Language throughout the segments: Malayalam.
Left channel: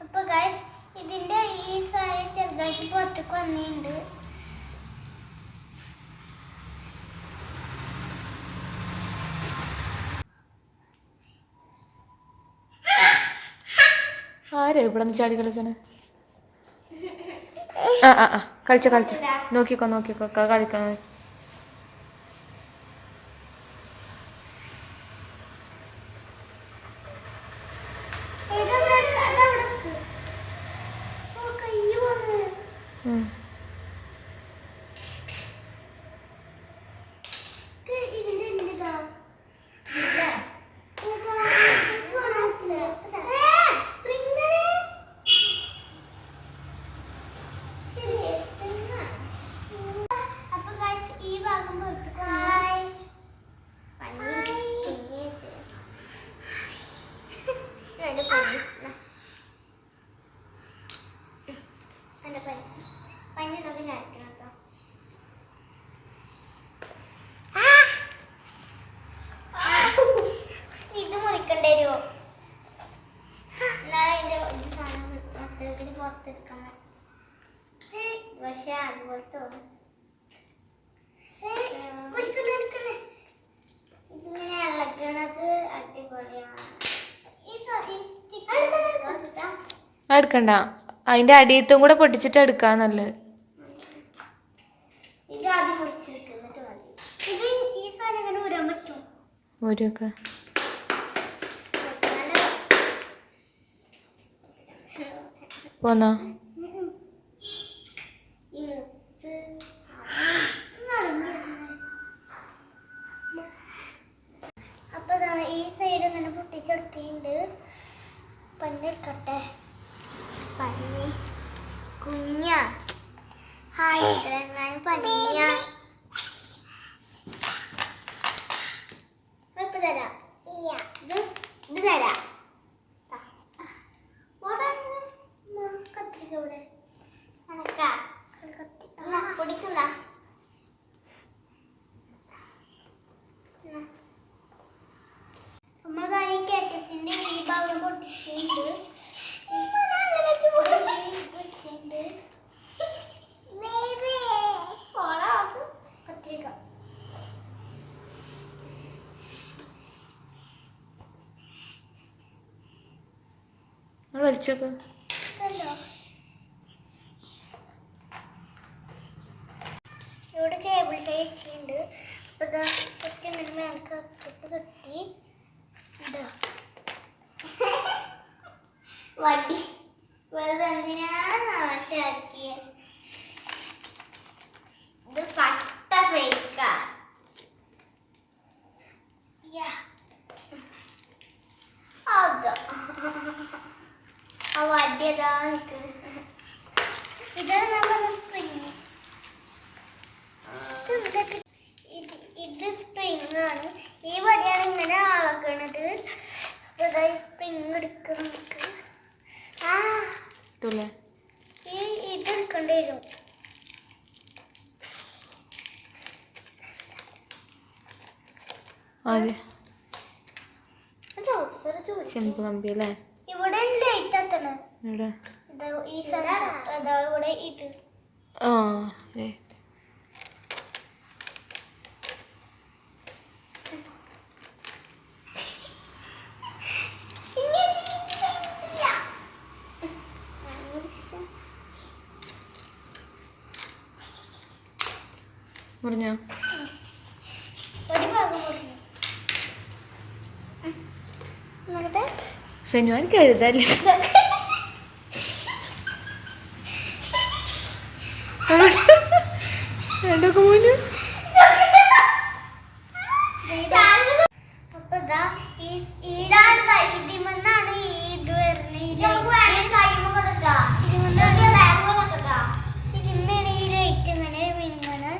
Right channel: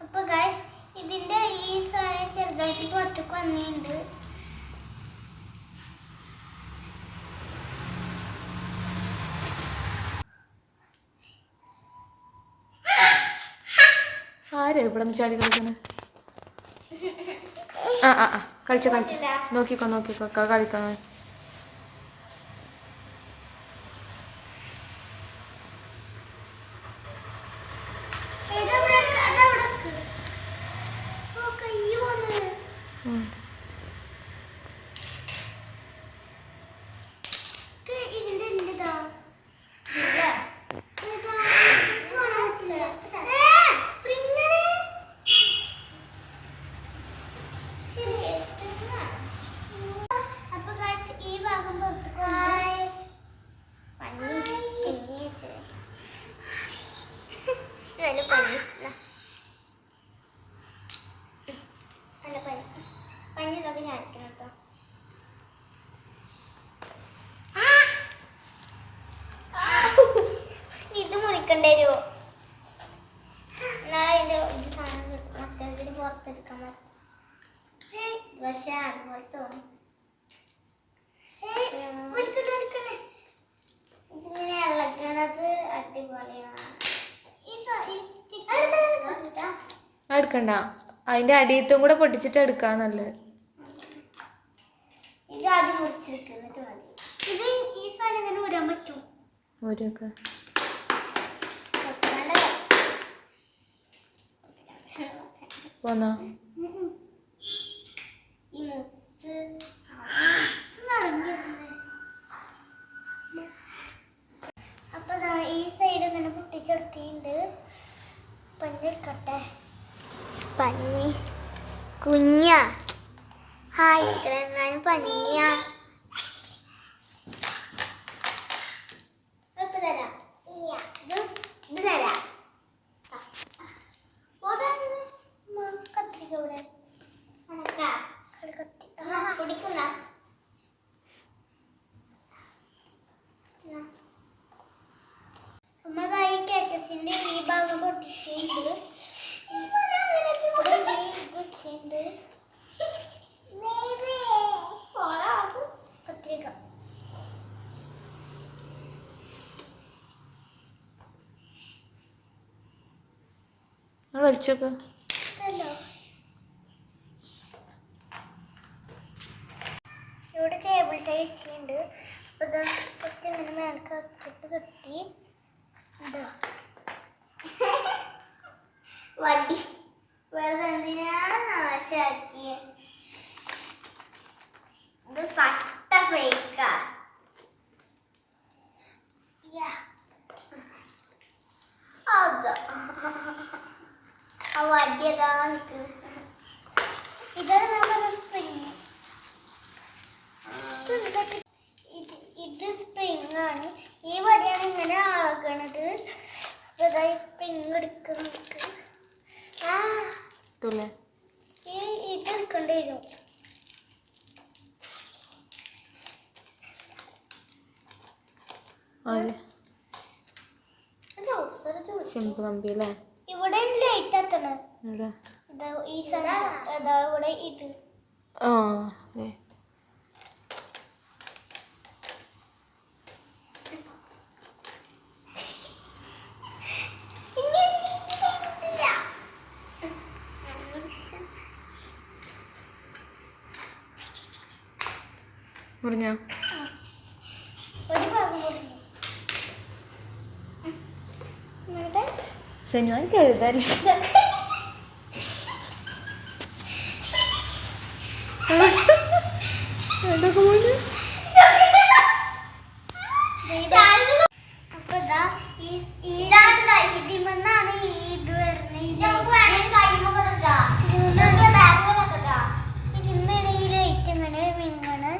അപ്പൊ ഗൈസ് ഇതിന്റെ ഈ സാധനം ചെറുതായിട്ട് പുറത്തേക്ക് വന്നിട്ടുണ്ട്. ആരാ ചാടി കളിക്കണേ? ആ ആ കളിച്ചോ കളിച്ചോ. നോക്കിക്കോ നോക്കിക്കോ. ക- 嗯。എടുക്കണ്ട. അതിന്റെ അടിയത്തും കൂടെ പൊട്ടിച്ചിട്ട് എടുക്കാ നല്ലത്. പോന്നോ. അപ്പൊ ഈ സൈഡ് ഇങ്ങനെ പൊട്ടിച്ചെടുത്തിട്ടുണ്ട്. പഞ്ഞെടുക്കട്ടെ പഞ്ഞി കുഞ്ഞ. ഹായ് ഇത്രയെങ്ങാനും പഞ്ഞിയ ഇപ്പൊ തരാം ഇത് ഇത് തരാം കത്തിരിക്ക ഇവിടെ കത്തി പിടിക്കുന്ന നമ്മളതായി കാറ്റസിന്റെ ഈ ഭാഗം പൊട്ടിച്ചിട്ടുണ്ട് ഇവിടെ ഇത് വെച്ചിട്ടുണ്ട്. കത്തിരിക്ക നിങ്ങൾ വലിച്ചോക്ക്. ഇവിടെ കേബിൾ ടൈ വെച്ചിട്ടുണ്ട്. കെട്ടി ഇതാ. വടി വേറെ എന്തിനാ നാശാക്കിയ ഇത് പട്ട ഫേക്കാ നിൽക്കുന്നത് ഇതാണ് സ്പ്രിങ് ഇത് സ്പ്രിങ് ആണ്. ഈ വടിയാണ് ഇങ്ങനെ അപ്പൊ ഈ സ്പ്രിങ് ഇട്ടൂല്ലേ ഈ ഇത് എടുക്കേണ്ടി വരും. ചെമ്പ് കമ്പി അല്ലേ ഇവിടെ ലൈറ്റ് എത്തണം ഇവിടെ ഇതാ ഈ സ്ഥലത്ത് അതാ ഇവിടെ ഇത് ആ മുറിഞ്ഞോ? സെനുവാൻ കരുതല്ലേ രണ്ടൊക്കെ പോയി അപ്പൊ ഇതാ ഈ ഈ ഇതിമെന്നാണ് ഈ ഇത് വരുന്നത് ഇതിന്മേണ് ഈ ലൈറ്റ് ഇങ്ങനെ വിങ്ങനെ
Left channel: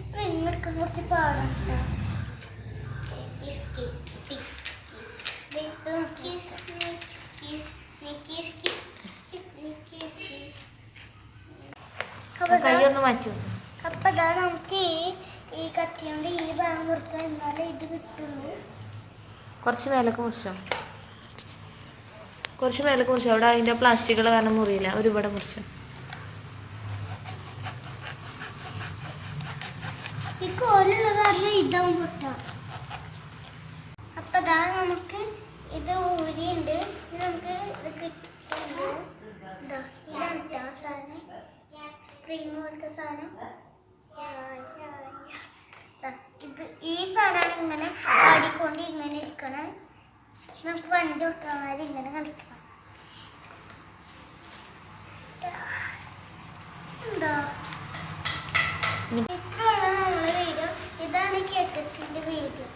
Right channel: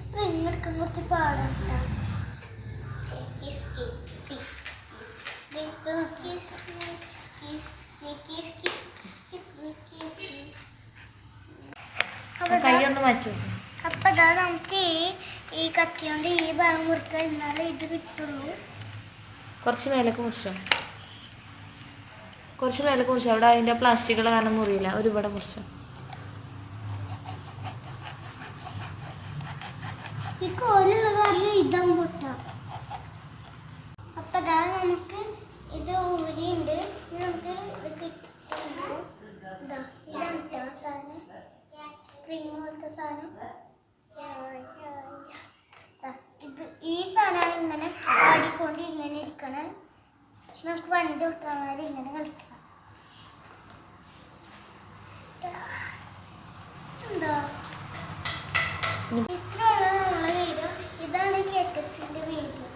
സ്പ്രിങ് എടുക്കാൻ കുറച്ച് പാടാണ് ട്ടാ. ദേ ഇത് നോക്ക്. കൈ ഒന്ന് മാറ്റൂ അപ്പൊ ഇതാ നമുക്ക് ഈ ഈ കത്തി ഈ ഭാഗം മുറിക്കാൻ എന്നാലേ ഇത് കിട്ടുള്ളൂ. കുറച്ച് മേലൊക്കെ മുറിച്ചോ? കുറച്ച് മേലൊക്കെ മുറിച്ചോ? അവിടെ അതിന്റെ പ്ലാസ്റ്റിക്കുകൾ കാരണം മുറിയില്ല. ഒരുപാട് മുറിച്ചോ? ഈ കോലുള്ള കാരണം ഇതാവും പൊട്ട അപ്പൊ ഇതാ നമുക്ക് ഇത് ഊരിയുണ്ട് ഇനി നമുക്ക് ഇത് കിട്ടുന്നുണ്ട് ഇതാ ഇതാണ് ട്ടോ ആ സാധനം സ്പ്രിങ് പോലത്തെ സാധനം? ഇത് ഈ സാധനം ഇങ്ങനെ ആടിക്കൊണ്ട് ഇങ്ങനെ ഇരിക്കണേ. നമുക്ക് വണ്ടി തൊട്ടാൽ ഇങ്ങനെ കളിക്കണം എന്താ ഇനി ഇത്രയുള്ള നമ്മുടെ വീഡിയോ. ഇതാണ് കേക്കസിന്റെ വീഡിയോ.